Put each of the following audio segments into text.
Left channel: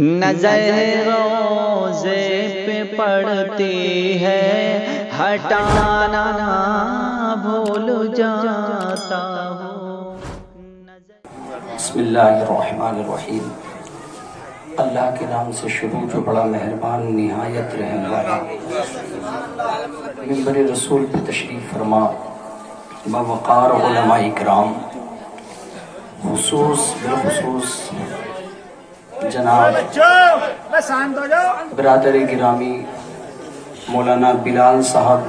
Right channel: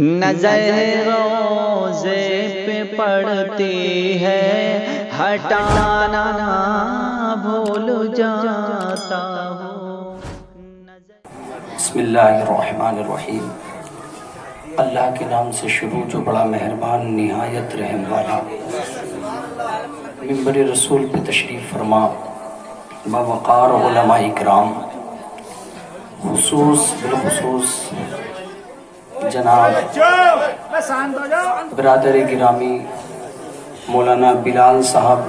نظر روزے پہ پڑتی ہے ہٹانا نہ بھول جاتا ہوں۔ بسم اللہ الرحمن الرحیم۔ اللہ کے نام سے شروع جو بڑا مہربان نہایت رحم والا۔ منبر رسول پہ تشریف فرما باوقار علماء اکرام، بالخصوص جناب برادر گرامی مولانا بلال صاحب،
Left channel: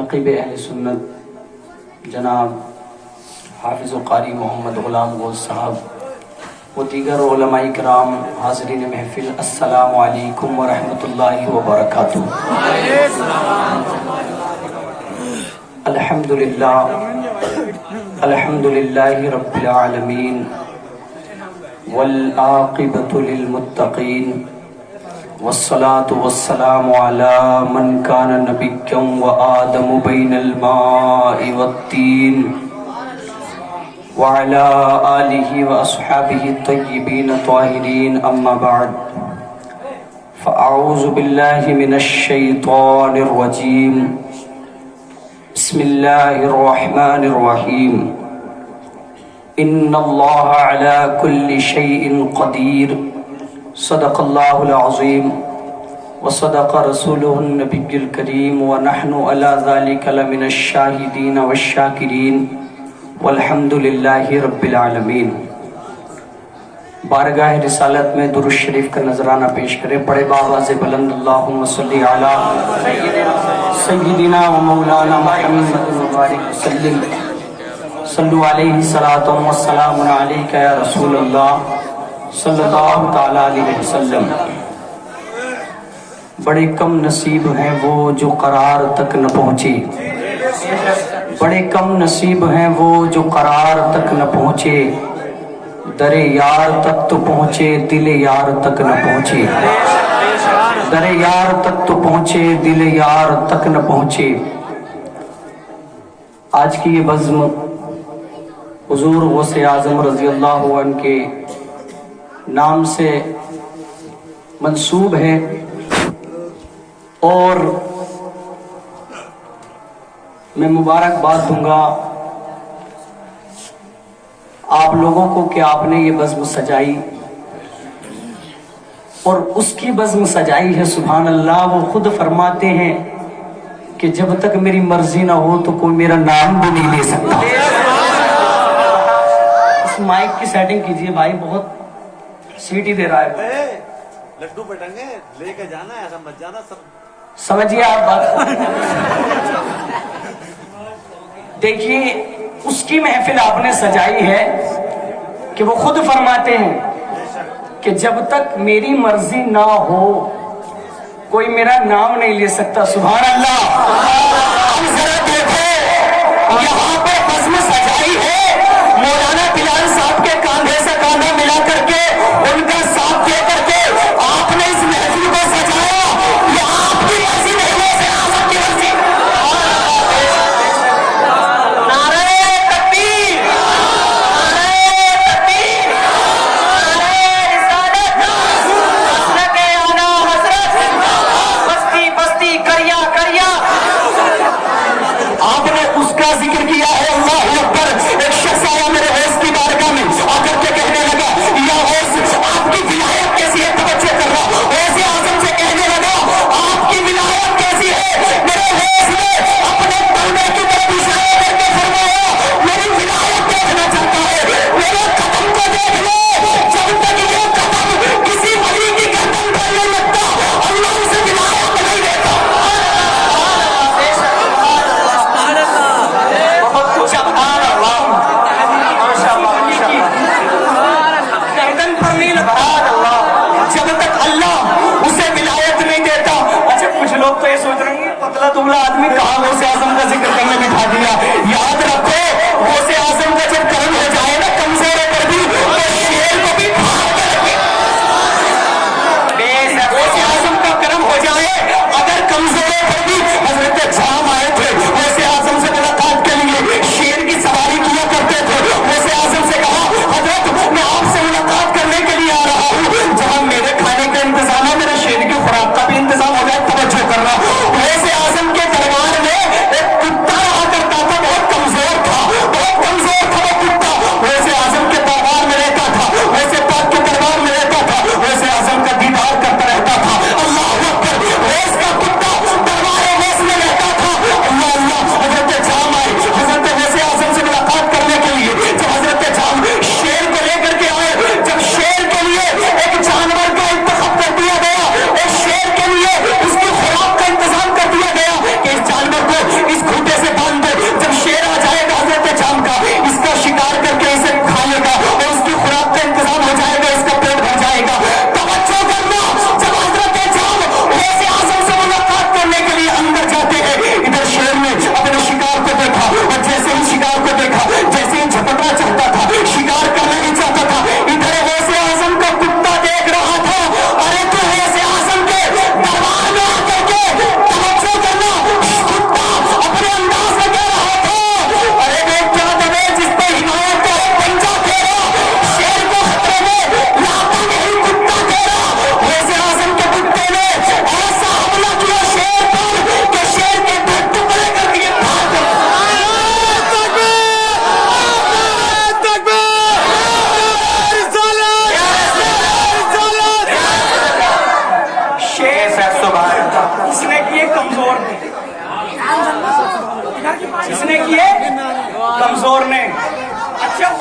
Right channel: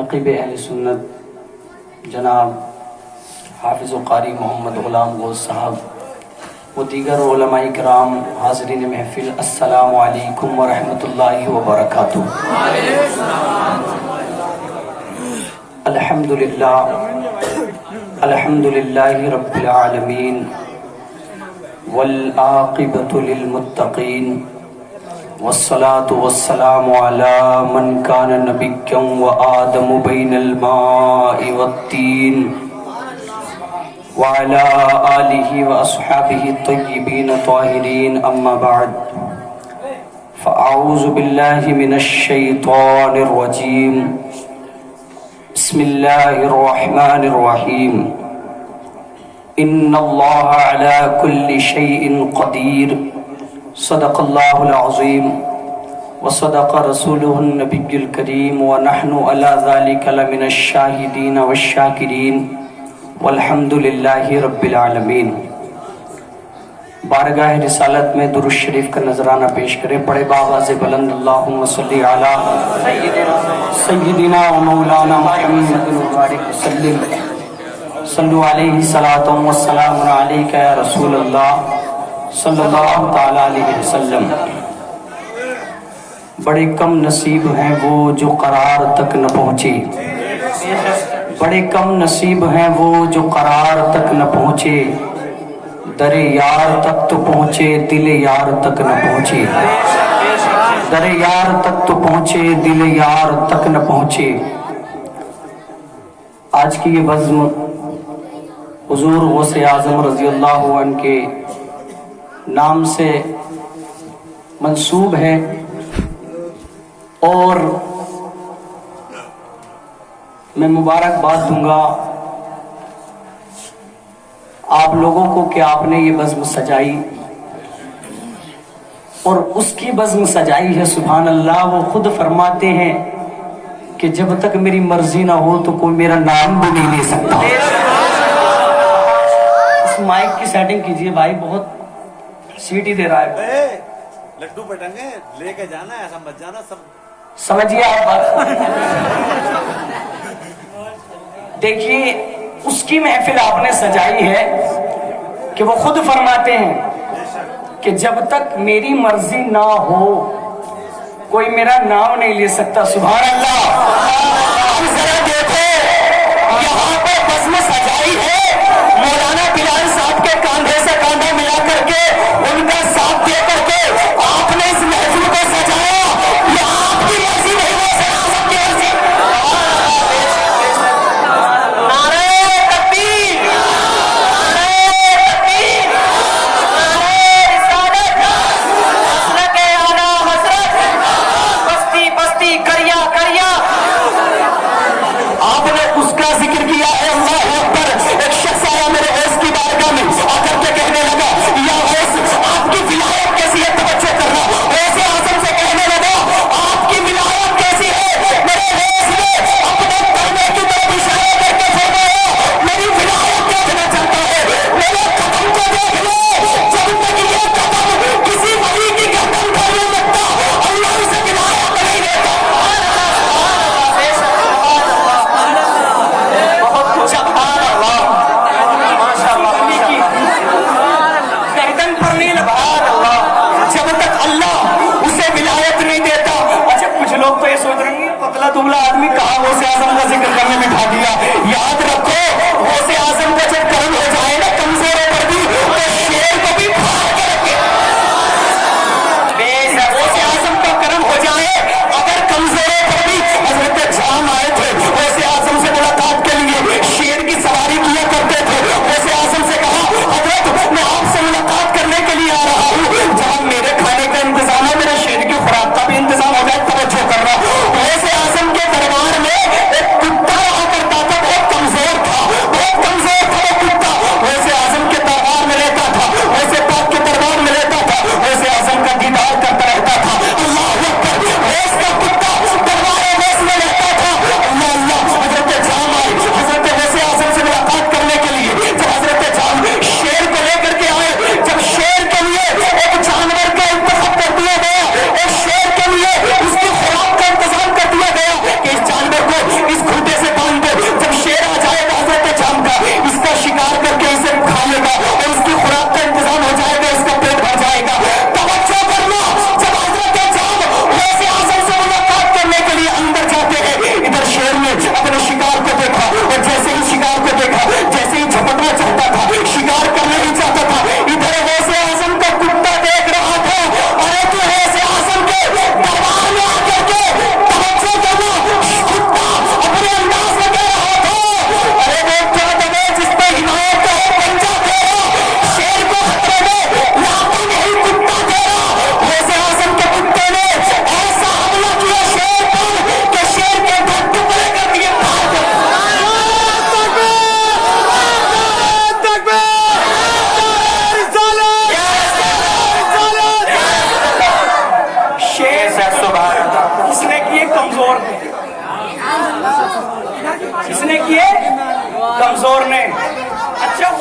نقیب اہل سنت جناب حافظ و قاری محمد غلام غوث صاحب و دیگر علماء کرام، حاضرین محفل، السلام علیکم ورحمۃ اللہ وبرکاتہ۔ الحمدللہ رب العالمین والعاقبۃ للمتقین والصلاة والسلام علی من کان نبیا وآدم بین الماء والطین وعلى آلہ واصحابہ الطیبین الطاہرین، اما بعد فاعوذ باللہ من الشیطان الرجیم، بسم اللہ الرحمن الرحیم۔ ان اللہ علی کل شیء قدیر، صدق اللہ العظیم وصدق رسولہ النبی الکریم، ونحن علی ذلک لمن الشاہدین والشاکرین، والحمد للہ رب العالمین۔ بارگاہ رسالت میں درود شریف کا نذرانہ پیش کرے، پڑھے بآواز بلند اللہم صلی علی سیدنا و مولانا محمد مبارک وسلم، صلو علیہ صلاۃ و سلام علیک یا رسول اللہ صلی اللہ تعالی علیہ وسلم۔ بڑے کم نصیب ہیں وہ جو قرار تک نہ پہنچے، بڑے کم نصیب ہیں وہ جو قرار تک نہ پہنچے، در یار تک تو پہنچے دل یار تک نہ پہنچے، در یار تک تو پہنچے دل یار تک نہ پہنچے۔ آج کی یہ بزم حضور غوث اعظم رضی اللہ عنہ کے نام سے منسوب ہے، اور میں مبارکباد دوں گا آپ لوگوں کو کہ آپ نے یہ بزم سجائی، اور اس کی بزم سجائی ہے سبحان اللہ۔ وہ خود فرماتے ہیں کہ جب تک میری مرضی نہ ہو تو کوئی میرا نام بھی نہیں لے سکتا۔ اس مائک کی سیٹنگ کیجئے بھائی، بہت سیٹی دے رہا ہے۔ لڈو پٹنگے لے کے جانا ہے، ایسا مت جانا، سب سمجھیے آپ بات۔ دیکھیے اس کی محفل آپ نے سجائی ہے کہ وہ خود فرماتے ہیں کہ جب تک میری مرضی نہ ہو کوئی میرا نام نہیں لے سکتا۔ سبحان اللہ۔ اب ذرا دیکھو یہاں پہ بزم سجائی ہے، مولانا بلال صاحب کے کاندھے سے کاندھا ملا کر کے، ان کا ساتھ دے کر کے آپ نے اس محفل کو سجایا۔ یہ آپ کی مرضی نہیں ہے، آپ کی مرضی۔ آپ نے اس کا ذکر کیا ہے، اللہ اکبر۔ ایک شخص آیا میرے غوث کی بارگاہ میں، آ کر کے کہنے لگا یا غوث آپ کی ولایت کیسی ہے؟ توجہ کرنا۔ غوث اعظم سے کہنے لگا آپ کی ولایت کیسی ہے؟ میرے غوث نے اپنے کلمے کی طرف اشارہ کر کے فرمایا میری ولایت دیکھنا چاہتا ہے، میرے قدم کو دیکھ لے، جب تک یہ قدم کسی ولی کی گردن پر نہیں لگتا اللہ اسے ولایت نہیں دیتا۔ گردن پر نہیں لگا جب تک اللہ اسے ولایت نہیں دیتا۔ اچھا کچھ لوگ تو یہ سوچ رہے ہیں پتلا دبلا آدمی کہاں غوث اعظم کا ذکر کرنے میں بھاگ گیا۔ یاد رکھو غوث اعظم کا جب کرم ہو جائے نا کمزوروں پر بھی، تو شیر کو بھی پھاڑ کے رکھے۔ غوث اعظم کا کرم ہو جائے اگر کمزوروں پر بھی، حضرت جام آئے تھے غوث اعظم سے ملاقات کے لیے، شیر کی سواری کیا کرتے تھے۔ غوث اعظم سے کہا حضرت میں آپ سے ملاقات کرنے کے لیے آ رہا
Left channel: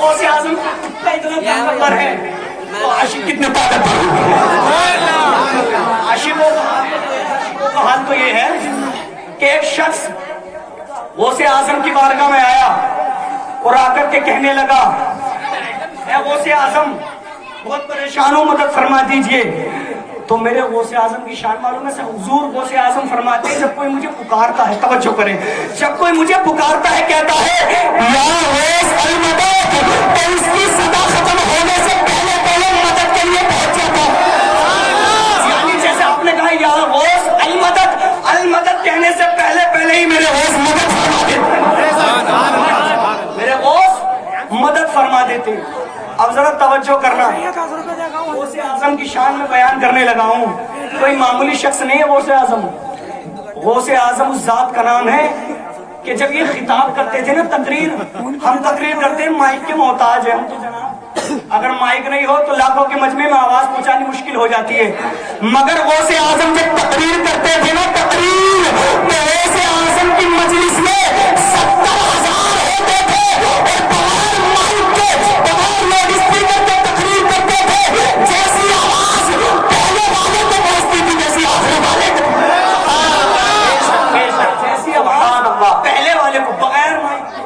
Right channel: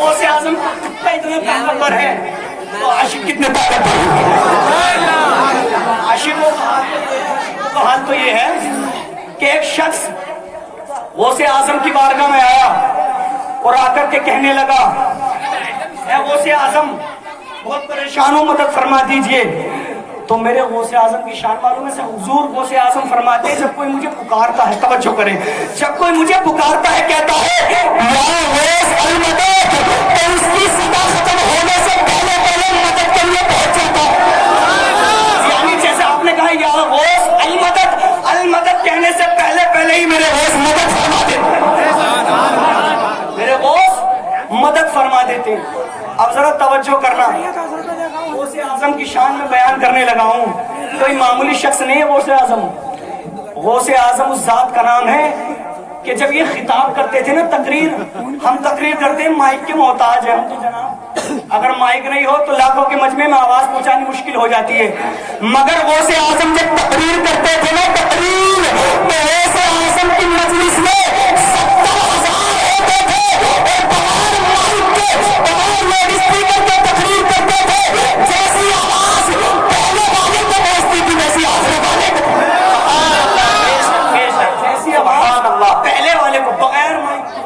غوث اعظم کا کتا اتنا طاقتور ہے تو عاشق کتنے طاقتور ہے؟ عاشقوں کا حال تو یہ ہے کہ ایک شخص غوث اعظم کی بارگاہ میں آیا اور آ کر کے کہنے لگا اے غوث اعظم بہت پریشان ہوں مدد فرما دیجئے. تو میرے غوث اعظم کی شان معلوم ہے حضور غوث اعظم فرماتے ہیں جب کوئی مجھے پکارتا ہے, توجہ کریں, جب کوئی مجھے پکارتا ہے کہتا ہے یا غوث المدد, تو اس کی صدا ختم ہونے سے پہلے پہلے مدد کے لیے پہنچ جاتا ہے. یعنی جیسے آپ نے کہا یا غوث المدد, المدد کہنے سے پہلے پہلے ہی میرے غوث مدد فرما دیتے, میرے غوث مدد فرما دیتے. اب ذرا توجہ کرنا, غوث اعظم کی شان میں بیان کرنے لگا ہوں. کوئی معمولی شخص نہیں ہے غوث اعظم. غوث اعظم اس ذات کا نام ہے کہ جب یہ خطاب کرتے تھے نا تقریر, ہم تقریر کرتے ہیں مائک کے محتاج ہیں ہم تو جناب, اگر مائک نہیں ہو تو لاکھوں کے مجمع میں آواز پہنچانی مشکل ہو جاتی ہے. مگر غوث اعظم جب تقریر کرتے تھے نا تقریر, تو غوث اعظم کی مجلس میں 70,000 ہوتے تھے اور تمام مائک کے تمام لوگ اسپیکر پہ تقریر کرتے تھے. جیسی آواز پہلے والے کو پہنچتی تھی ویسی آخر والے کو, جیسی آواز پہلے والے کو بغیر مائک کے.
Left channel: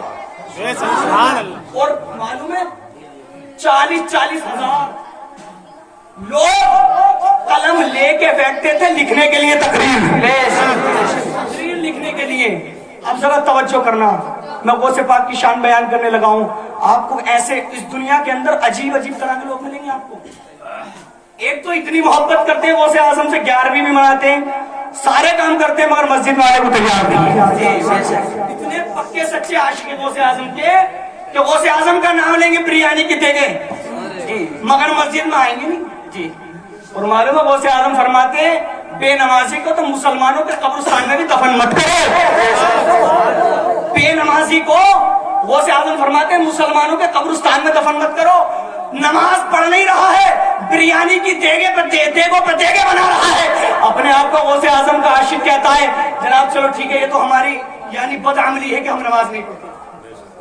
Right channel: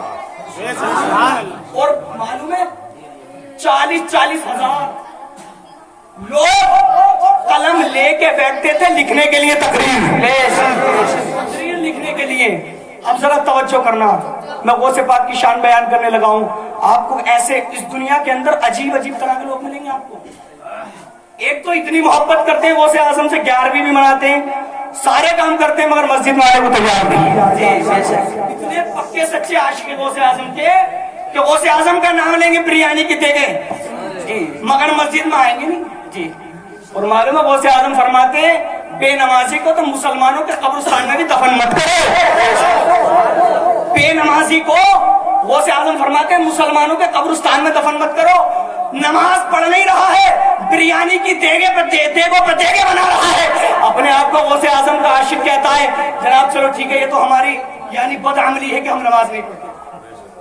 اور معلوم ہے 40,000 لوگ قلم لے کے بیٹھتے تھے لکھنے کے لیے, تقریر لکھنے کے لیے. اب ذرا توجہ کرنا, میں غوث پاک کی شان بیان کرنے لگا ہوں. آپ کو ایسے اس دنیا کے اندر عجیب عجیب طرح کے لوگ ملیں گے آپ کو. ایک تو اتنی محبت کرتے ہیں غوث اعظم سے, 11ویں بھی مناتے ہیں, سارے کام کرتے ہیں, مگر مسجد والے کو تیار نہیں. اتنے پکے سچے عاشق غوث اعظم کے کہ غوث اعظم کا نام لیں گے بریانی کی دے گے, مگر مسجد میں آئیں گے جی. اور معلوم ہے غوث اعظم فرماتے ہیں بے نمازی کو تو مسلمانوں کے قبرستان میں بھی دفن مت کرو. بے نمازی کو غوث اعظم فرماتے ہیں مسلمانوں کے قبرستان میں دفن مت کرو. نماز پڑھ نہیں رہا ہے, بریانی کی دیگوں پر دیگے بنا رہا ہے, اپنے آپ کو غوث اعظم کا عاشق کہتا ہے. جناب چلو ٹھیک ہے, یہ تو ہماری یعنی بدعملی ہے کہ ہم نماز نہیں پڑھتے,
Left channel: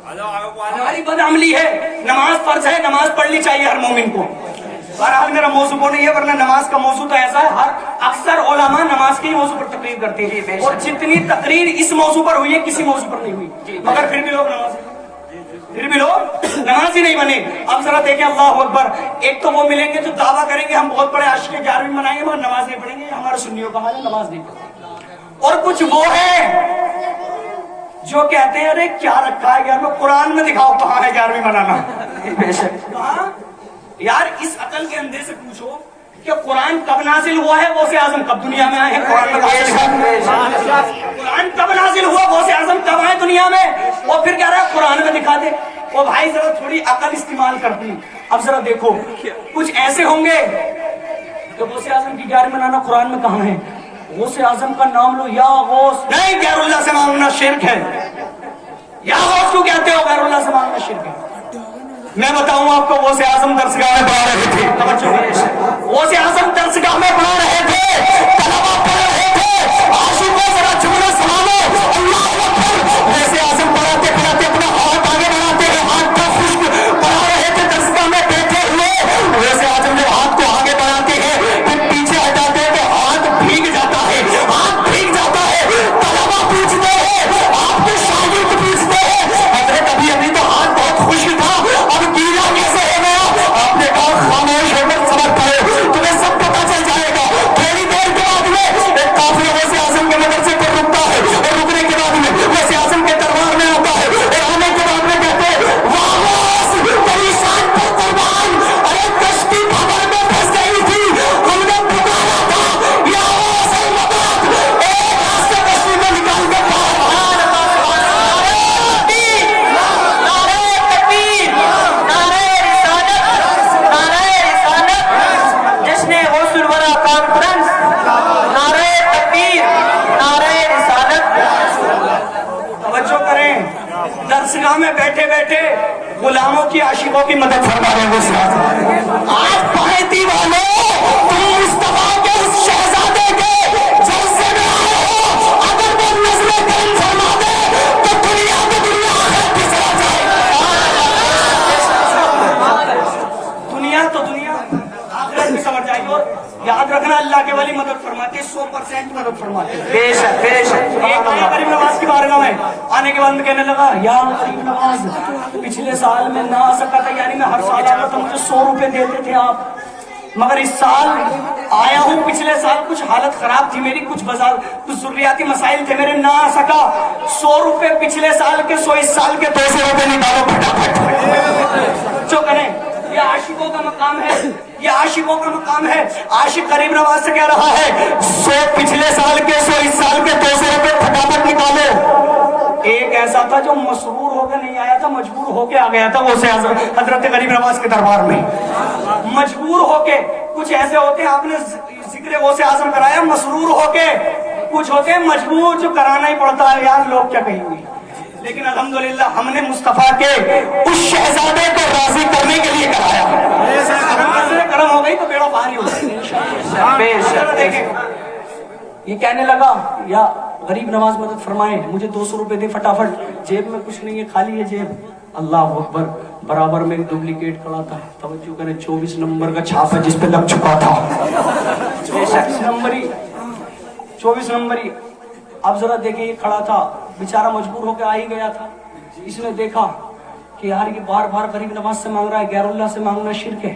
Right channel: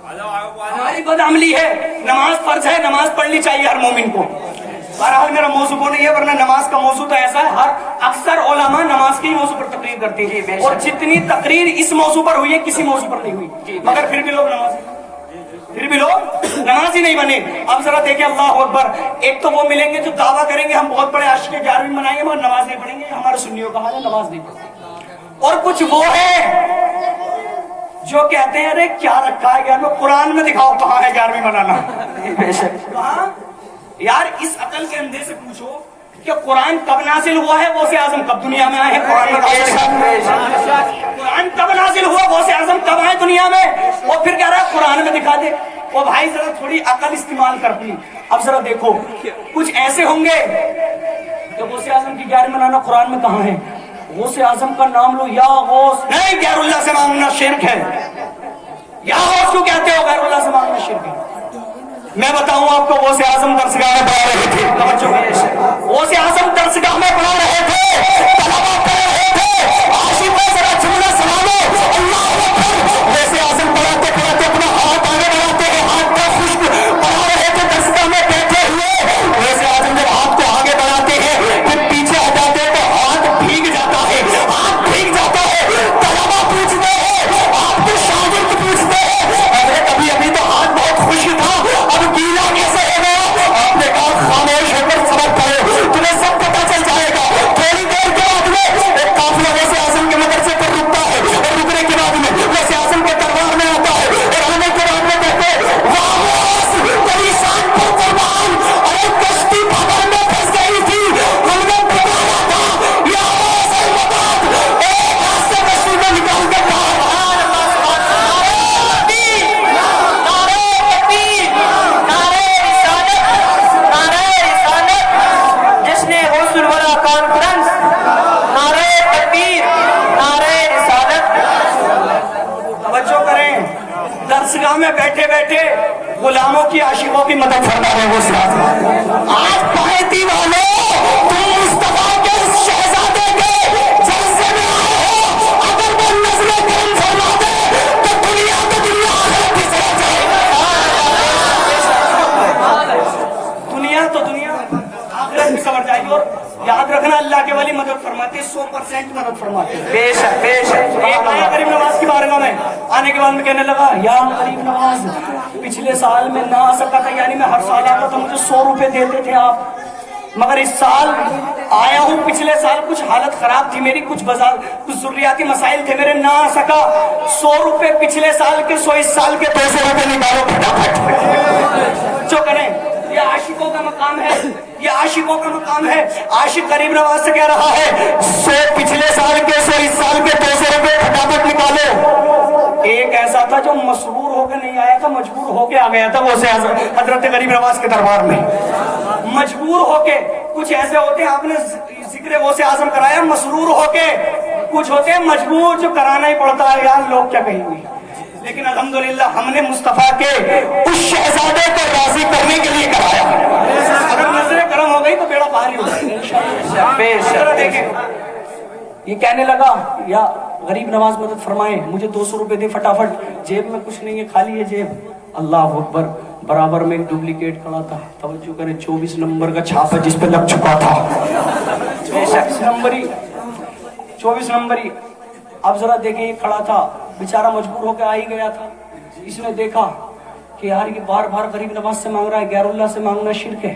ہماری بدعملی ہے. نماز فرض ہے, نماز پڑھنی چاہیے ہر مومن کو. بہرحال میرا موضوع کو نہیں ہے, ورنہ نماز کا موضوع تو ایسا ہے اکثر علماء نماز کے موضوع پر تقریر کرتے ہیں, اور جتنی تقریر اس موضوع پر ہوئی ہے کسی موضوع پر نہیں ہوئی, مگر پھر بھی لوگ نماز ہی نہیں بنے. اب ذرا دیکھیں اللہ اکبر, ایک تو وہ ملیں گے جو دعویٰ کریں گے ہم بہت بڑے عاشق 11ویں منائیں گے مگر نماز نہیں پڑھیں گے, ہمارے سنیوں کا حال ہے نماز نہیں پڑھتے. اور کچھ وہ ہیں جو کہتے ہیں ارے کیا رکھا ہے گھر میں, قرآن میں دکھاؤ کہاں ہے 11ویں منانا. کہاں یار, اس عقل کے اندھے سے پوچھو کہ قرآن کب نازل ہوا ہے, غوث اعظم کب دنیا میں آئے ہیں, قرآن کب نازل ہوا, غوث اعظم کب آئے دنیا میں, اور پھر کہہ رہا ہے قرآن میں دکھا دے. اور بھائی ذرا تھوڑی عقل استعمال کرتی. اب ذرا دیکھو کچھ ایسے ہوں گے تو غوث اعظم کی 11ویں منانا قرآن میں کہاں ہے. غوث اعظم کا نام لو, یا غوث نہیں, غیر اللہ سے مانگنا شرک ہے. یا غوث کو کہتے ہو, غیر اللہ سے مانگنا شرک ہے. میں بتاؤں آپ کو, غوث اعظم درسگاہ میں پڑھا رہے تھے, غوث اعظم درسگاہ میں پڑھا رہے تھے, طلبا پڑھ رہے تھے, عاشقوں ذرا جملہ سنالو اللہ اکبر. غوث اعظم پڑھاتے پڑھاتے اپنا ہاتھ آگے بڑھاتے ہیں, ہاتھ کا خشک پڑھا رہے تھے درسگاہ میں بیٹھے ہوئے. غوث اعظم جب ہاتھ کو آگے بڑھاتے ہیں پھر پیچھے ہٹاتے ہیں تو ہاتھ بھیگ جاتا ہے, ہاتھ بھیگ جاتا ہے. طلبا پوچھتے ہیں, آپ کے شاگرد پوچھتے ہیں حضرت ابھی تو ہاتھ بہت خوش تھا, اب گیلا کیسے ہو گیا. آپ نے کہا خاموش ہو کر سبق پڑھو, تمہیں سب پتا چل جائے گا. تھوڑی دیر کے بعد میں ایک قافلہ غوث اعظم کے مدرسے پر رکتا ہے, اور رکنے کے بعد میں غوث اعظم کے دربار میں آتا ہے, اور آنے کے بعد میں کہتے ہیں واہ غوث تیری شان پر قربان, ارے کشتی بھور میں پھنس گئی تھی, ہم نے پکارا تھا یا غوث المدد, ایک ہاتھ سے کشتی کو نکال کر درسگاہ میں بیٹھے بیٹھے غلاموں کی عاشقوں کی مدد فرما رہے ہیں. آج پارٹی والوں تم مصطفیٰ کے شہزادے کے جلسے میں آئے ہو, اگر وہ نظر فرما دے تو دنیا آخرت کی سزا جائے. یاد رکھنا اللہ کے ولی مدد فرماتے 100% مدد فرماتے. بے شک بے شک. ایک آیا غریب نواز کی بارگاہ میں آنے کے بعد میں کہنے لگا یا غریب نواز پچھلے سال میں نہ آ سکا تھا, یعنی میں ہر سال آتا تو مجھے 100 روپے دیتے تھے آپ, مگر اس سال آیا ہوں. پچھلے سال کچھ حالت خراب تھی میری, کچھ ضروریاتی مسائل تھے میرے, نہ آ سکا. 100 روپے پچھلے سال کے 100 اس سال کے 200 روپے نکالو پھٹافٹ. جو کریں یہ عاشقوں کا مقام ہے, یہ عاشقوں کا مقام ہے. عاشق غریب نواز سے کہہ رہا ہے 100 پچھلے سال کے 100 اس سال کے 200 روپے پھٹافٹ نکالو. ایک ایسا تھا جو مسرور ہو کے نہیں آیا تھا, مجبور ہو کے آ گیا تھا. وہ سے حضرت غریب نواز کے دربار میں مجبور ہو کے. کچھ ایسے ہوتے ہیں, آپ نے ذکر غوث اعظم کرایا, مسرور ہو کے. کچھ ہوتے ہیں مجبور, جو کرانا ہی پڑتا ہے یار لوگ کیا کہیں گے. لیکن الحمدللہ ہم نے مصطفیٰ کے اس شہزادے کو راضی کرنے کے لیے کرایا. اگر نظریں کرم ہو گئی تو بیڑا پانی ہو گئی. یہ کہنے لگا یا غریب نواز مدد فرمائیں, مجھے 200 روپے دے فٹافٹ, جیب میں کچھ نہیں ہے, خالی ہے جیب. اللہ اکبر. برابر میں ایک ڈپلیکیٹ کھڑا تھا, توجہ کریں, 24 نمبر کا چھاپا جس پہ لگ چکا تھا. 24 نمبری. اب ذرا دیکھیں, یہ کھڑا تھا بیچارہ, مجبور ہو کے آ ہی گیا تھا. اس نے دیکھا کہ یار یہ بار بار غریب نواز سے مانگ رہا ہے, غیر اللہ سے مانگنا شرک ہے,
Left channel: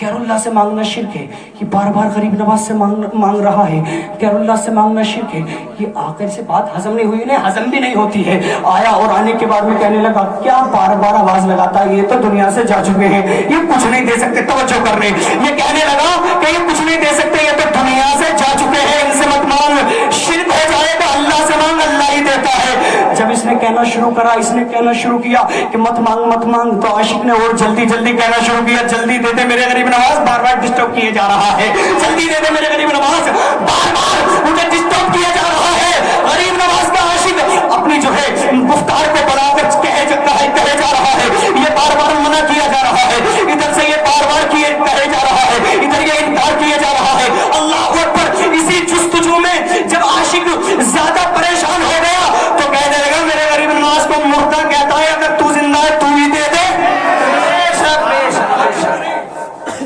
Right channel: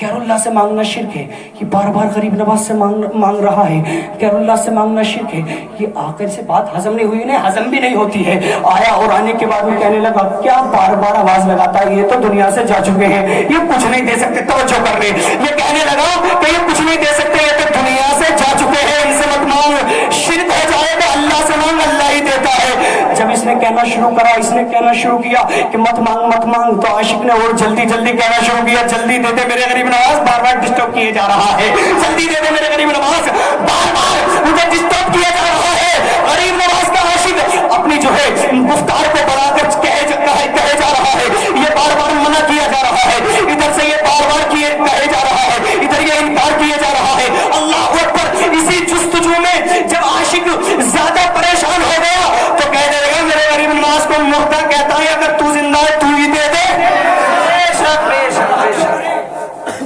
غیر اللہ سے مانگنا شرک ہے. یہ بار بار غریب نواز سے مانگ رہا ہے, غیر اللہ سے مانگنا شرک ہے. یہ آ کر سے بات ہضم نہیں ہوئی, انہیں ہضم بھی نہیں ہوتی ہے. آیا اور آنے کے بعد میں کہنے لگا کیا بار بار آواز لگاتا ہے, یہ تو دنیا سے جا چکے ہیں, یہ کچھ نہیں دے سکتے. توجہ کر لیں, یہ کہنے لگا کہ یہ کچھ نہیں دے سکتے, یہ تو دنیا سے جا چکے ہیں, ان سے مت مانگ, شرک ہو جائے گا, اللہ سے مانگ, اللہ ہی دیتا ہے. جب اس نے کہنا شروع کرا, اس نے کہنا شروع کیا کہ مت مانگ مت مانگ, تو عاشق نے اور جلدی جلدی کہنا شروع کیا, جلدی دے دے میرے غریب نواز, بار بار ڈسٹرب کیے جا رہا ہے, جلدی دے دے میرے غریب نواز, بار بار مجھے ڈسٹرب کیا جا رہا ہے. غریب نواز کا عاشق اپنی جو ہے گفتار کو بڑھا کر کہے جا رہا ہے, یہ بار بار منع کیا جا رہا ہے, ادھر سے یہ بار بار کہے جا رہا ہے, ادھر یہ انکار کیا جا رہا ہے. اللہ اکبر. اسی جستجو میں جب عاشق زیادہ پریشان ہو گیا تو کہہ دے گا میرے غریب نواز کو مردہ کہتا ہے, اگر تو زندہ ہے تو ہی دے دے.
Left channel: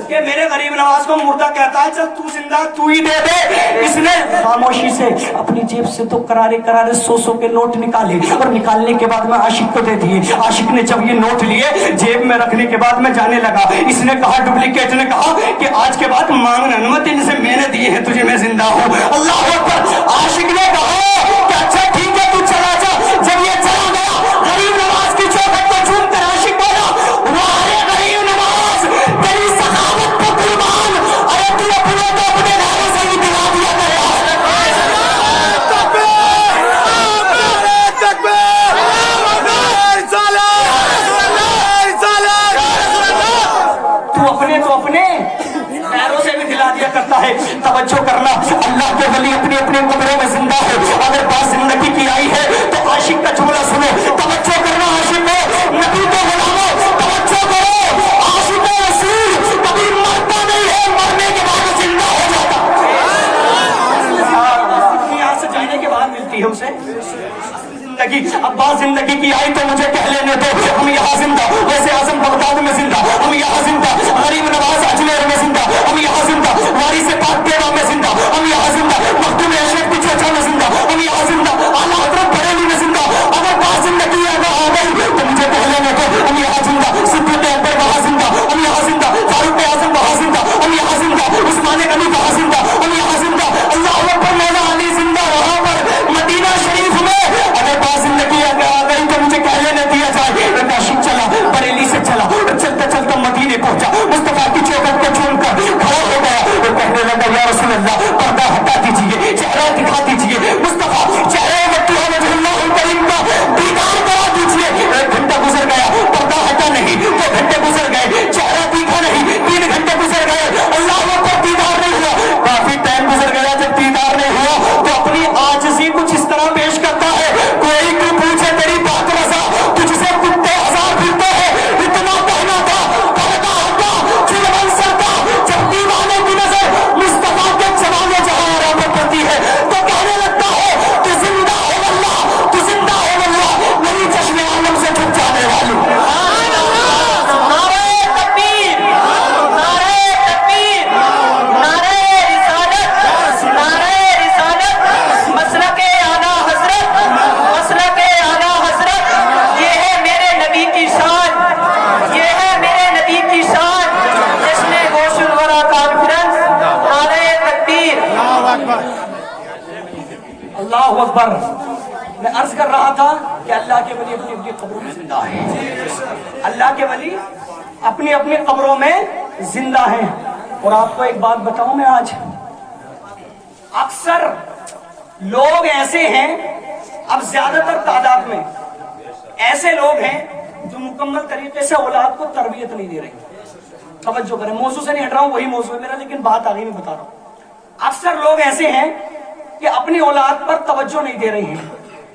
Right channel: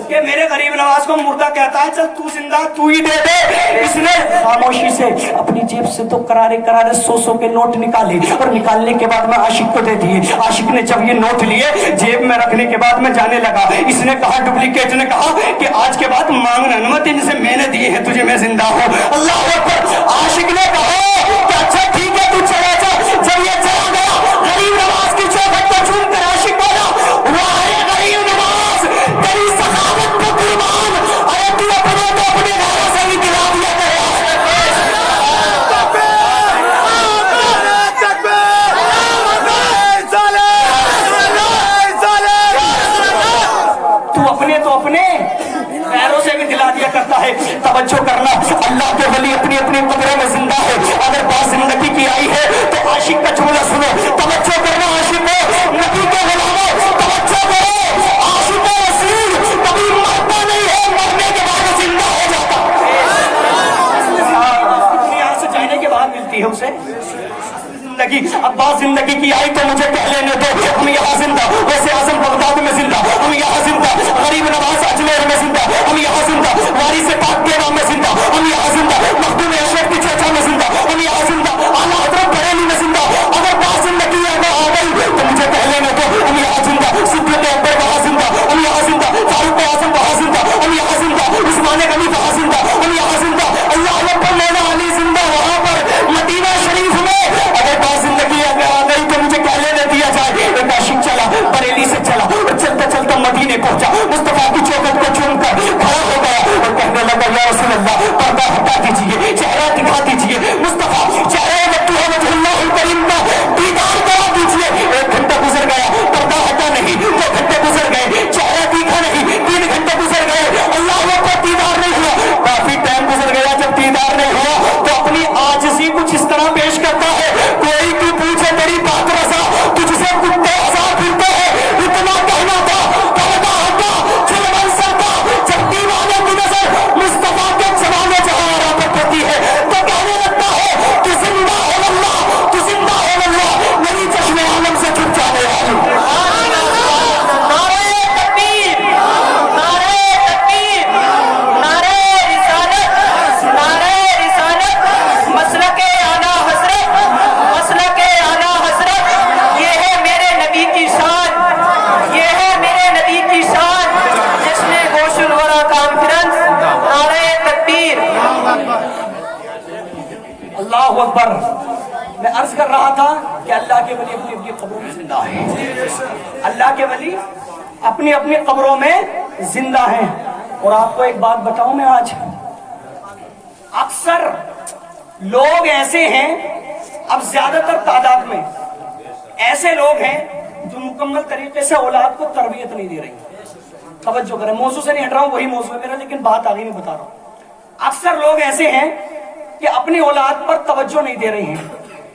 کہ میرے غریب نواز کو مردہ کہتا ہے, چل تو زندہ تو ہی دے دے. اس نے خاموشی سے اپنی جیب سے تو کرارے 100 کے نوٹ نکالے, اور نکالنے کے بعد میں عاشق کو دے دیے. عاشق نے جب یہ نوٹ لیے جیب میں رکھنے کے بعد میں جانے لگا. اس نے کہا, ڈپلیکیٹ نے کہا کہ آج کے بعد مانگنا مت, ان سے میں نے دیے ہیں تجھے, میں زندہ ہوں. اللہ اکبر. عاشق نے کہا کہ اچھا ٹھیک ہے تو چلا جا. جب یہ چلا گیا, غریب نواز کی چوکھٹ کو چھوڑ کر عاشق بولا واہ غریب نواز, تیری سخاوت پر قربان, ارے تو اپنے بھائی سے ہی دلا دیا کرے. تو اپنے پیروں سے بھی دلا دیا کرتا ہے. توجہ کرنا, اللہ کے ولی اپنے کمرے میں زندہ ہے. اگر بات زندگی کی آئی ہے تو عاشق کا جملہ سنو. توجہ کرنا, عاشق نبی کو غلاموں, توجہ کرو, عاشق رسول کبھی مرتا نہیں ہے, مرنے کے بعد زندہ ہو جاتا. دنیا سے جانے کے بعد ملتی ہے اسے زندگی. اب بات زندگی کی آئی تو مجھے کہہ لینے دو, ہم یہاں زندہ, ویسے اعظم بغداد میں زندہ, ہم یہاں زندہ, غریب نواز اجمیر میں زندہ, ہم یہاں زندہ, وارث پاک دیوا میں زندہ, ہم یہاں زندہ, مخدوم اشرف کی چرچا میں زندہ, ہم یہاں زندہ, اعلیٰ حضرت بریلی میں زندہ. اگر بات زندگی اگر آ گئی تو مجھے کہہ لینے دو, ہم یہاں زندہ, صدیق اکبر وہاں زندہ, ہم یہاں زندہ, فاروق اعظم وہاں زندہ, ہم یہاں زندہ, عثمان غنی وہاں زندہ, ہم یہاں زندہ. اللہ اکبر. مولا علی زندہ وہاں پر مدینہ شریف میں. اگر بات زندگی اگر آ گئی تو مجھے کہہ لینے دیا جائے, کاشم چلا, بریلی سے چلا, چلتا چلتا مدینے پہنچا, مصطفیٰ کی چوکھٹ کو چوم کر کھڑا ہو گیا اور کہنے لگا یا رسول اللہ, پردہ ہٹا دیجیے, چہرہ دکھا دیجیے, مصطفیٰ چہرے وقت ہے وجہ اللہ کریم کا دیدار کرا دیجیے. 1 گھنٹہ گزر گیا, پردہ ہٹا نہیں, 2 گھنٹے گزر گئے, چہرہ دیکھا نہیں, 3 گھنٹے گزر گئے, اللہ کو دیدار نہیں ہوا. اللہ اکبر. میں عرض کر رہا تھا کہ اللہ کے ولی اپنی اپنی قبروں میں زندہ ہیں. اللہ کے ولی اپنی اپنی قبروں میں زندہ ہیں. اور آپ کو ایک بات بتاؤں میں آج, اکثر لوگ ایسے ہیں, اب زیادہ تر تعداد میں ایسے لوگ ہیں جو مکمل طریقے سے اولاد کو تربیت نہیں دے رہے. توجہ کریں, موضوع سے نہیں ہٹ رہا ہوں, وہی موضوع ہے میرا, لیکن بات آگے میں بتا رہا ہوں. اکثر لوگ ایسے ہیں کہ اپنی اولاد پر توجہ نہیں دے رہے ہیں.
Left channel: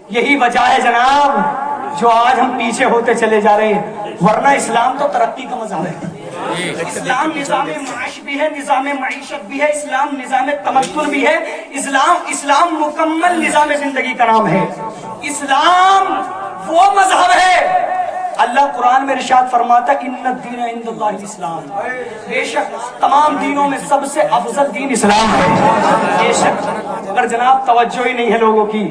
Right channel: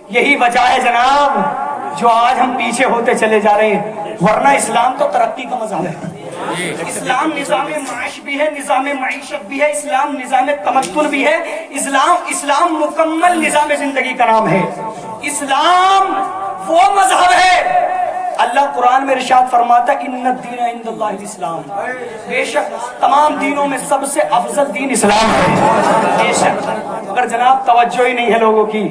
یہی وجہ ہے جناب جو آج ہم پیچھے ہوتے چلے جا رہے ہیں, ورنہ اسلام تو ترقی کا مذہب ہے. اسلام نظام معاش بھی ہے, نظام معیشت بھی ہے, اسلام نظام تمدن بھی ہے, اسلام مکمل نظام زندگی کا نام ہے. اسلام وہ مذہب ہے, اللہ قرآن میں ارشاد فرماتا ہے ان الدین عند اللہ الاسلام, بے شک تمام دینوں میں سب سے افضل دین اسلام ہے. بے شک, مگر جناب توجہ ہی نہیں ہے لوگوں کی.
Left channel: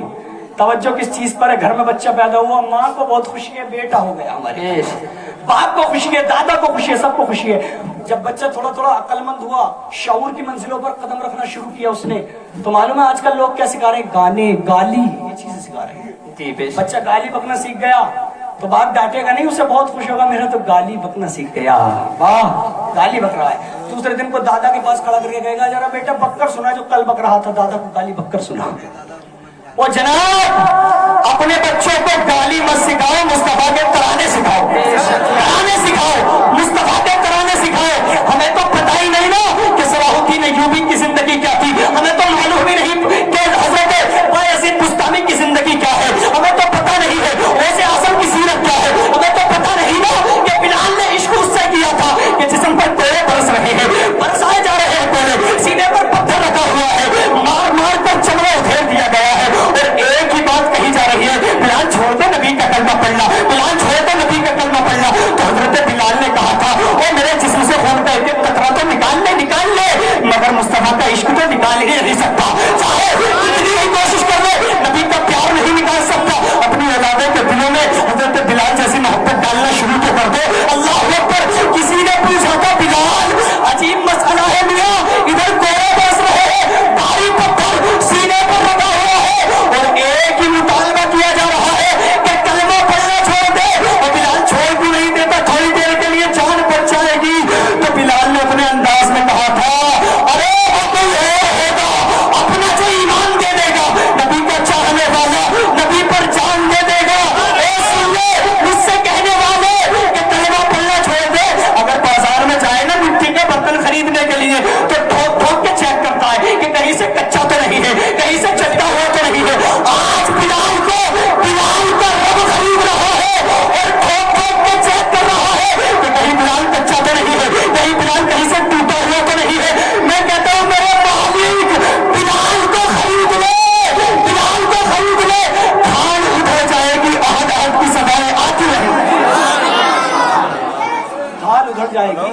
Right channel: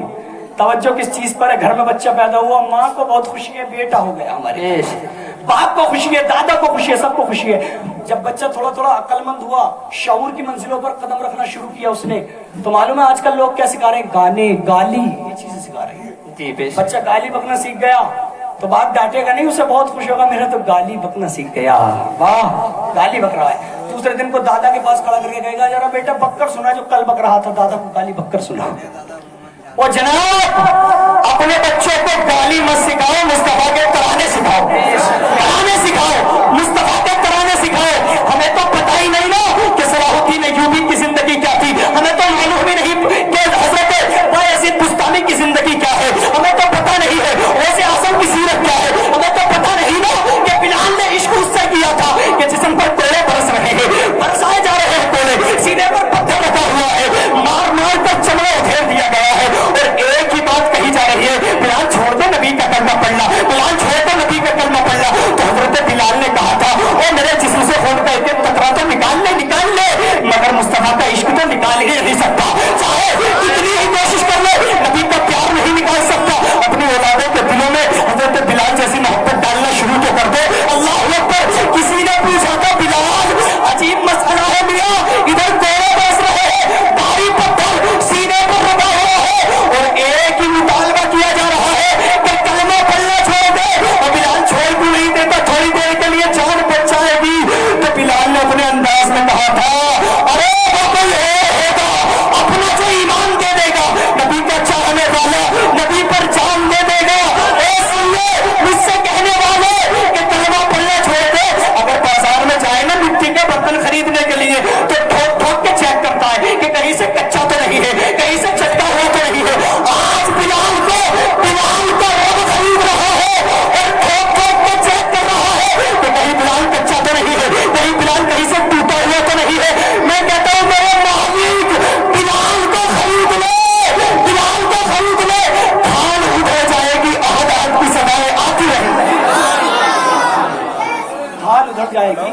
توجہ کس چیز پر ہے؟ گھر میں بچہ پیدا ہوا, ماں کو بہت خوشی ہے, بیٹا ہو گیا ہمارے, باپ کو خوشی ہے, دادا کو خوشی ہے, سب کو خوشی ہے. جب بچہ تھوڑا تھوڑا عقل مند ہوا, شعور کی منزلوں پر قدم رکھنا شروع کیا اس نے, تو معلوم ہے آج کل لوگ کیا سکھا رہے ہیں؟ گانے, گالی, یہ چیزیں سکھا رہے ہیں. بچہ گالی بکنا سیکھ گیا تو باپ ڈانٹے گا نہیں, اسے بہت خوش ہوگا, میرا تو گالی بکنا سیکھ گیا, واہ گالی بک رہا ہے. دوسرے دن کو دادا کے پاس کھڑا کر کے کہے گا ذرا بیٹا بک کر سنا جو کل بک رہا تھا, دادا کو گالی بک کر سنا. اور جناب اپنے بچوں کو گالی مت سکھاؤ, مصطفیٰ کے ترانے سکھاؤ, ترانے سکھاؤ, مصطفیٰ کے ترانے سکھاؤ. ہمیں تو پتہ ہی نہیں نا کہ صلاح الدین ایوبی کی زندگی کیا تھی, ہمیں تو معلوم ہی نہیں کہ حضرت بایزید بستانی کی زندگی کیا ہے, ہمیں تو پتہ نہیں ہے غوث اعظم کی سیرت کیا ہے, ہمیں تو پتہ نہیں نا کہ بلال نے عشق اس سے کیا تھا کہ جسم پر کوڑے برس رہے ہیں, برسائے جا رہے ہیں کوڑے, سینے پر پتھر رکھا ہوا ہے, مار مار کر چمڑا ادھیڑ دیا گیا ہے. اور ایک ہی بات کہی جا رہی ہے, بلال چھوڑ دو نبی کا کلمہ پڑھنا, بلال چھوڑ دو نبی کا کلمہ پڑھنا. تو حضرت بلال نے کہا تھا وہ میرے جسم سے خون کا ایک ایک قطرہ تو نکال لے, مگر مصطفیٰ کا عشق تو نکال ہی نہیں سکتا, چاہے کتنی ہی کوشش کر لے, نبی کا پیار نہیں نکال سکتا. اپنی اولادوں کے دلوں میں حضرت بلال جیسی محبت ڈالنا شروع تو کر دو. اللہ اکبر. کسی نے پوچھا تھا بلال عجیب مسئلہ ہے میاں, ادھر کوڑے برس رہے ہیں, بھاری پتھر سینے پر رکھا ہوا ہے, اور ایک ہی مطالبہ کیا جا رہا ہے کہ کلمہ پڑھنا چھوڑ دے. اور بلال چھوڑ بھی نہیں دیتا, تھوڑی دیر کے لیے جان بچ جائے گی. تو بلال نے اپنے انداز میں کہا تھا ارے کوئی ہوگا اپنا جو ایمان دے دے گا, نبی کو چاہنے والا, نبی پر جان دے دے گا. مجھ سے کہنے والے کہ کلمہ پڑھنا چھوڑ دے, اگر بازار میں جائے نا مٹی کا برتن خریدنے کے لیے تو ٹھوک ٹھوک کے چیک کرتا ہے کہ کہیں سے کچا تو نہیں ہے, کہیں سے چٹا ہوا تو نہیں ہے. آج بلال کا رب خرید رہا ہے اور ٹھوک ٹھوک کے چیک کر رہا ہے کہ کہیں بلال کچا تو نہیں ہے, کہیں بلال کہیں سے ٹوٹا ہوا تو نہیں ہے. میں کہتا ہوں میرے مالک بلال کو خرید لے, بلال کو خرید لے, دھان ادھر جائے گی, آہد آہد کی سدائیں آتی رہیں گی, دھان ادھر جائے گی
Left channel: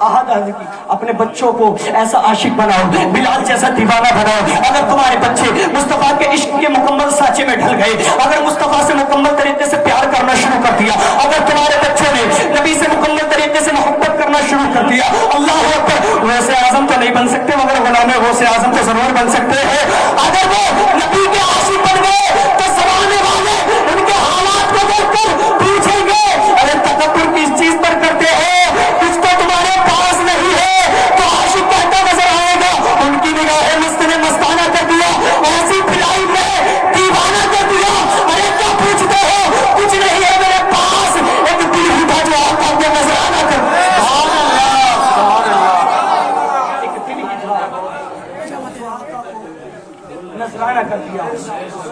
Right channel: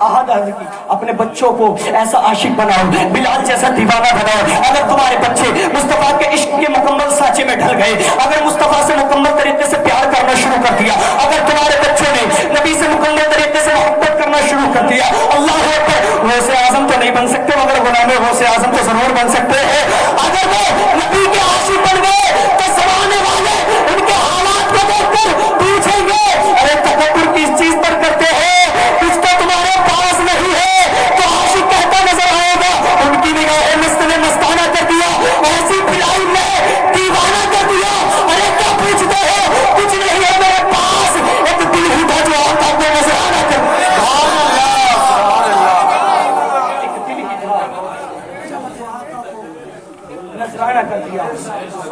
آہد آہد کی. اپنے بچوں کو ایسا عاشق بناؤ, بلال جیسا دیوانہ بناؤ. اگر تمہارے بچے مصطفیٰ کے عشق کے مکمل سانچے میں ڈھل گئے, اگر مصطفیٰ سے مکمل طریقے سے پیار کرنا شروع کر دیا, اگر تمہارے بچوں نے نبی سے مکمل طریقے سے محبت کرنا شروع کر دیا, اللہ اکبر, غوث اعظم تو نہیں بن سکتے مگر غلام غوث اعظم تو ضرور بن سکتے ہیں. اگر وہ نبی کے عاشق بن گئے تو زمانے والے ان کے حالات کو دیکھ کر پوچھیں گے ارے تکبر کس چیز پر کرتے ہیں, کچھ تو تمہارے پاس نہیں ہے. تو عاشق کہتا نظر آئے گا ان کی نگاہیں مست نے مستانہ کر دیا, ایسی پلائی میں دیوانہ کر دیا. ارے کیا پوچھتے ہو, کچھ نہیں ہے میرے پاس, ایک دل ہی تھا جو آپ کو نظرانہ کر دیا.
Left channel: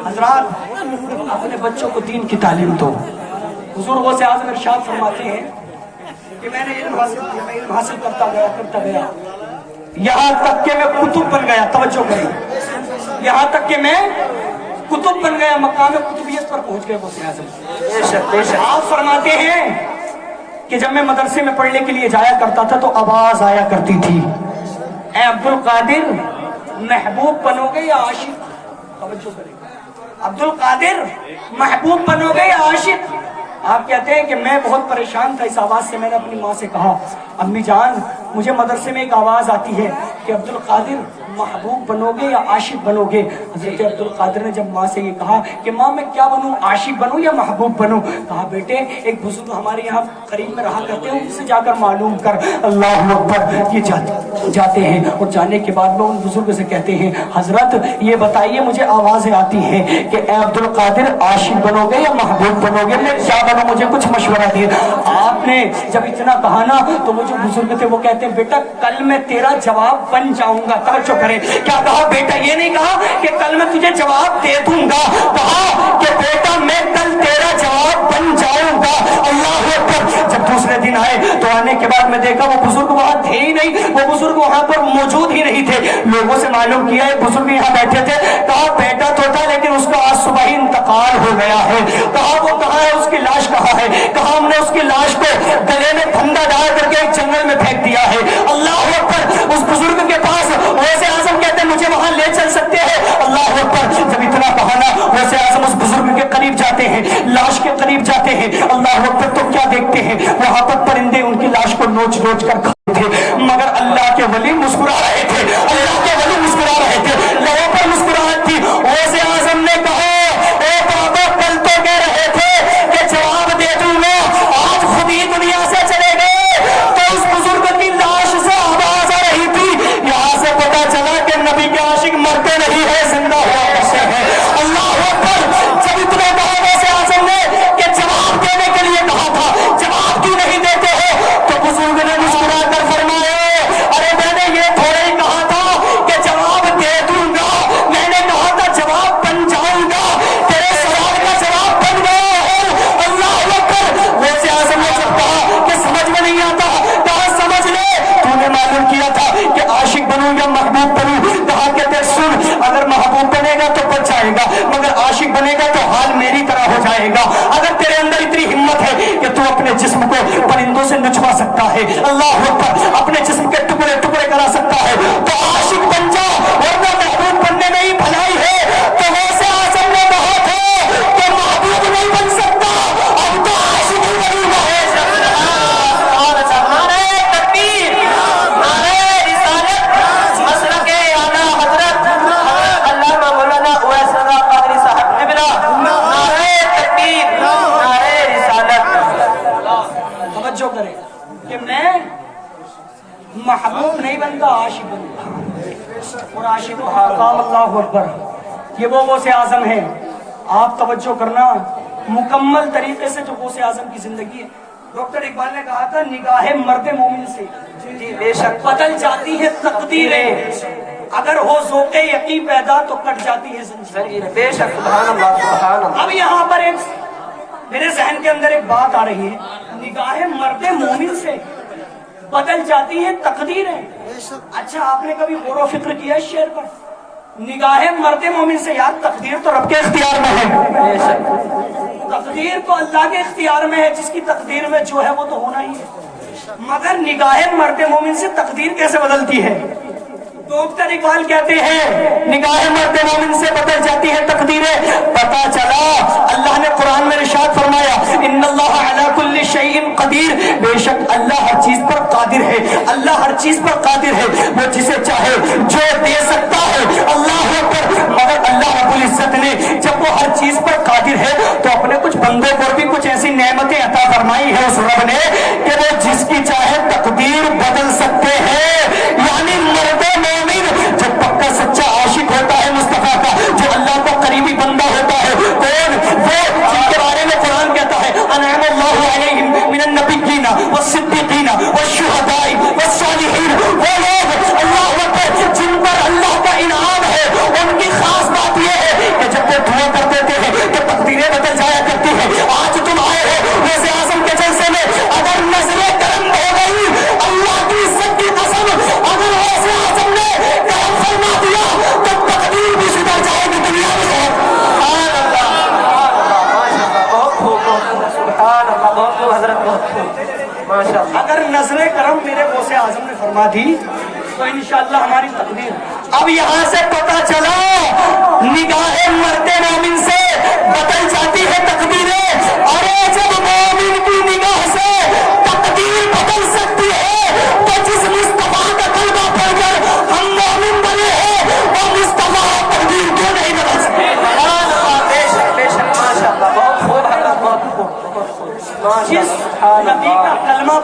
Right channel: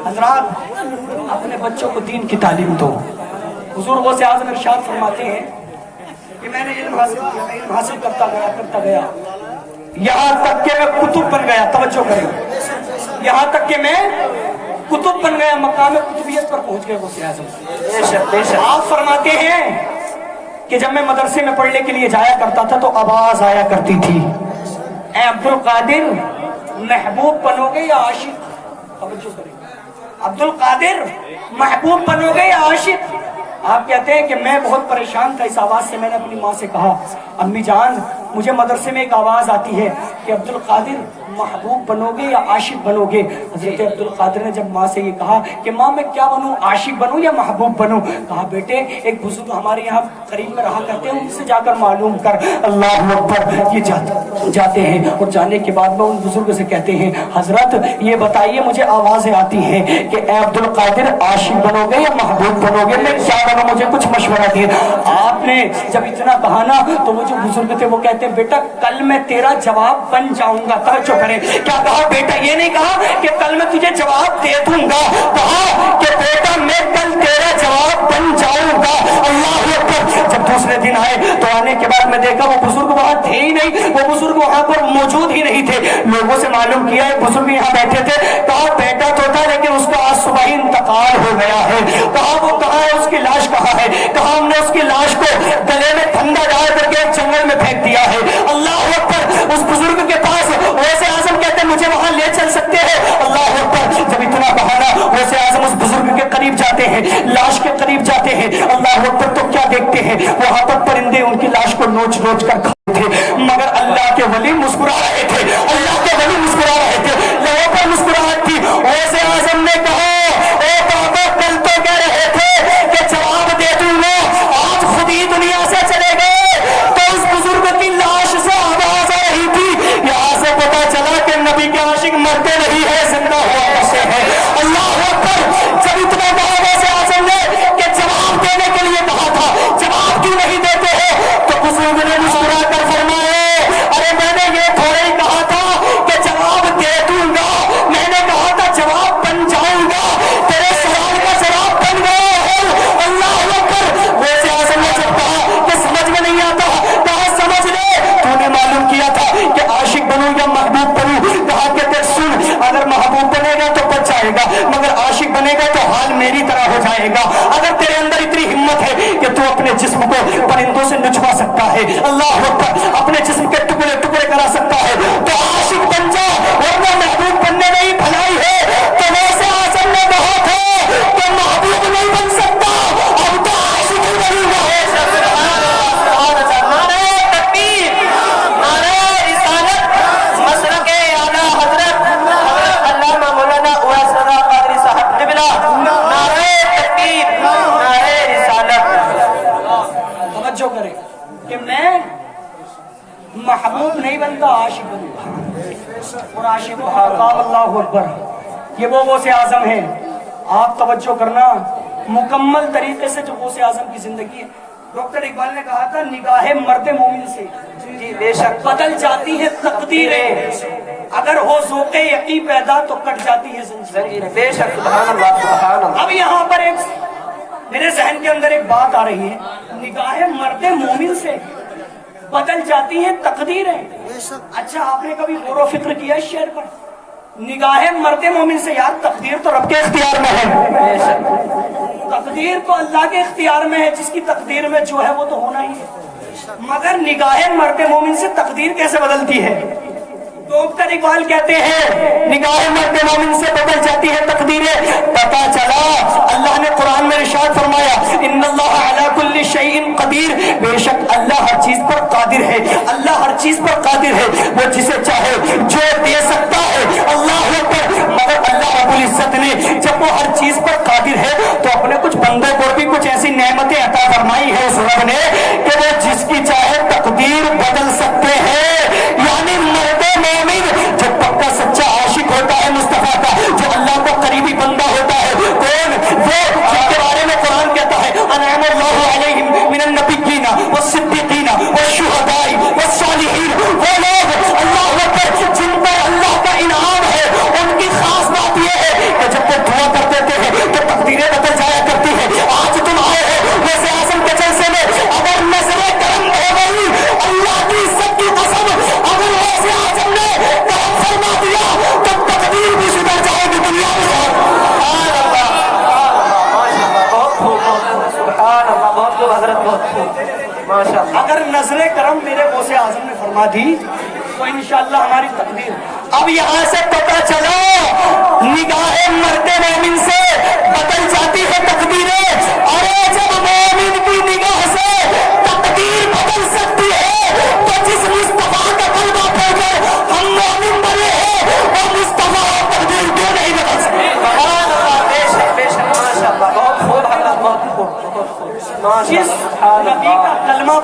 حضرات اپنے بچوں کو دین کی تعلیم دو. حضور غوث اعظم ارشاد فرماتے ہیں کہ میں نے علم حاصل کرتا گیا یہاں تک کہ میں کتب بن گیا. توجہ کریں, یہاں تک کہ میں کتب بن گیا, مقام کتبیت پر پہنچ گئے غوث اعظم. آپ فرماتے ہیں کہ جب میں مدرسے میں پڑھنے کے لیے جایا کرتا تھا تو آواز آیا کرتی تھی اے عبد القادر محبوب بنو گے یا عاشق. توجہ کریں, عبد القادر محبوب بنو گے یا عاشق. آپ کہتے ہیں کہ میں بہت پریشان تھا اس آواز سے. میں نے اپنی ماں سے کہا امی جان مجھے مدرسے میں ایک آواز آتی ہے کہ عبد القادر محبوب بنوگے یا عاشق بنوگے؟ حضرت عبد القادر نے جب ماں سے یہ کہا کہ ماں میں کیا بنوں، عاشق بنوں یا محبوب بنوں؟ کہا بیٹے ایک بزرگ ہمارے یہاں قریب میں رہا کرتے ہیں، ان سے جا کر معلوم کر۔ اللہ اکبر، یہ جاتے ہیں اور جانے کے بعد میں ان بزرگ سے کہتے ہیں حضرت یہ بتائیے مجھے آوازیں آتی ہیں کہ اے عبد القادر عاشق بنو گے یا محبوب بنو گے، میں کیا بنوں، مجھے کچھ مشورہ دے۔ آپ نے جب اتنا کہا نا تو وہ جو بزرگ تھے وہ کہتے ہیں بیٹا کل میں تیرا جواب بن جاؤں گا۔ توجہ کرے، کیا کہا بیٹا؟ یہ نہیں کہا کہ کل میں تجھے جواب دے دوں گا، کہا کہ بیٹا میں کل تیرا جواب بن جاؤں گا۔ اللہ اکبر۔ جب دوسرے دن آئے تو آنے کے بعد میں دیکھا وہ بزرگ وہاں تھے ہی نہیں، وہ بزرگ وہاں پر موجود ہی نہیں تھے۔ لوگوں سے معلوم کیا ہے بزرگ یہاں بیٹھے تھے، کہا بیٹا تو تھا لیکن اس کا آج صبح ہی انتقال ہو گیا ہے۔ کہا وہ کہاں ہے، اس کی لاش کہاں ہے؟ کہا ہم نے اس کی لاش کو گلے میں پھندا ڈال کر کے ایک جنگل میں پھینک دیا ہے۔ اللہ اکبر۔ اس بزرگ کے پاس ویسے اعظم کہتے ہیں مجھے وہاں لے چل سکتے ہیں؟ اللہ اکبر۔ جب اتنا بہانا ویسے اعظم اس بزرگ کے قریب جاتے ہیں، لاش کے قریب جاتے ہیں، اللہ اکبر، تو کیا دیکھتے ہیں وہاں پر پرندے ان کی لاش کو نوچ نوچ کر کھاتے تھے، مگر اللہ کے ولی مسکرا رہے تھے، اللہ کے ولی مسکرا رہے تھے، لوگوں پر مسکراہٹ تھی۔ ویسے اعظم نے کہا اے بابا کل تو کہہ رہے تھے کہ جواب دے دوں گا، آج خود ہی دنیا سے چلے گئے۔ تو اس بزرگ کی لاش سے آواز آ رہی تھی، یہاں سے پتا چلا کہ نبی کے عاشق مرتے نہیں ہے، زندہ ہونے سے ہے۔ اللہ اکبر۔ جب اتنا کہا ویسے اعظم نے کہ جواب دینے کے لیے کہا تھا، جواب کیوں نہیں دیتے ہو؟ تو بزرگ نے مسکرا کر فرمایا ارے میں نے یہ تھوڑے ہی کہا تھا کہ جواب دے دوں گا، میں نے کہا تھا جواب بن جاؤں گا، تیرے سوال کا جواب بن گیا ہے۔ اللہ اکبر۔ ویسے اعظم نے جب کہا کہ سمجھ میں نہیں آتا، کہا سمجھ لے، تو نے معلوم کیا تھا کہ عاشق بنوں یا محبوب بنوں؟ کہا کہ دیکھ سن، اگر محبوب بنے گا تو بچ جائے گا، مگر عاشق بنے گا تو حال میری طرح ہو جائے گا۔ اگر تیرے اندر اتنی ہمت ہے کہ تو اپنے جسم کو پرندوں سے نچوا سکتا ہے، اللہ اکبر، اپنے جسم کے ٹکڑے ٹکڑے کرا سکتا ہے، تو عاشق بن جا، ورنہ محبوب بننے میں ہی بھلائی ہے۔ تو ویسے اعظم نے کہا تھا کہ محبوب نہیں بن سکتا، اب تو عاشق ہی بنوں گا۔ نعرہ تکبیر، نعرہ رسالت، مسلک اعلیٰ حضرت علامہ مولانا اویس رضا قادری صاحب قبلہ، نعرہ تکبیر، نعرہ رسالت۔ توجہ کریں کہ میں محبوب نہیں بنتا، عاشق بنتا، اور عاشق حقام۔ اللہ اکبر۔ یہ وہ غوث اعظم ہے، آپ توجہ کرنا، مکمل طریقے سے جو غوث اعظم کی زندگی ہے۔ ڈاکٹر اقبال نے کہا تھا نگاہ مرد مومن سے بے شک بدل جاتی ہے تقدیریں، اگر ہو ذوق یقین پیدا تو کٹ جاتی ہے زنجیریں۔ بے شک، سبحان اللہ، سبحان اللہ۔ اب یہاں پر ایک میرے ذہن کے اندر ایک بات آ رہی ہے، نگاہ مرد مومن سے بدل جاتی ہیں تقدیریں۔ اچھا آپ نے کبھی غور و فکر کیا اس شعر پر؟ نگاہ مرد مومن سے، یار تقدیر تو رب کے اختیار میں ہے، تقدیر تو اللہ کے اختیار میں ہے، جس کی تقدیر میں جو ہے وہ تو ہونا ہی ہے، مگر نگاہ مرد مومن سے تقدیر کیسے بدلتی ہے؟ ڈاکٹر اقبال کہتے ہیں نگاہ مرد مومن سے بدل جاتی ہے تقدیریں۔ پتا چلا اللہ نے قرآن میں ارشاد فرمایا ان اللہ علی کل شیء قدیر، بے شک اللہ ہر چیز پر قادر ہے، اللہ ہر چیز پر قادر ہے، وہ جسے چاہے جو دے سکتا ہے۔ اللہ پر مگر اللہ رب العزت نے جب وہ ہر چیز پر قادر ہے تو اپنے کچھ بندوں کو بھی کچھ ایسی نعمتیں عطا فرمائی ہے اس رب نے کہ وہ جس کی چاہے تقدیر بدل سکتے ہیں۔ یعنی مرد مومن جو پکا سچا عاشق ہوتا ہے مصطفیٰ کا، جو اللہ کا قریبی بندہ ہوتا ہے، کون وہ جن کے بارے میں قرآن کہتا ہے انعم اللہ علیہم من النبیین والصدیقین والشہداء والصالحین، وہ لوگ اللہ پر جن پر اللہ کا انعام ہے، ان کی خاص بات یہ ہے کہ جب وہ دعا کر دیتے ہیں تو تقدیریں بدل جایا کرتی ہیں۔ آج تم آئے ہو ویسے اعظم کے جلسے میں، اگر نظر کرم ہو گئی اللہ کی عزت کی قسم، اگر ویسے اعظم نے کرم فرما دیا تو تقدیر بھی سدھر جائے گی دنیا میں۔ سبحان اللہ، بہت خوب، سبحان اللہ، بہت خوب حضرت، بہت خوب، ماشاء اللہ۔ اگر نظر کرم میرے غوث اعظم نے فرما دی تو انشاءاللہ ہماری تقدیر۔ اب یہاں سے پتہ چلا نگاہ مرد مومن سے بدل جاتی ہے تقدیریں، اور جب مومن کی نگاہ سے تقدیر بدل سکتی ہے تو جس مصطفیٰ کا کلمہ پڑھ کر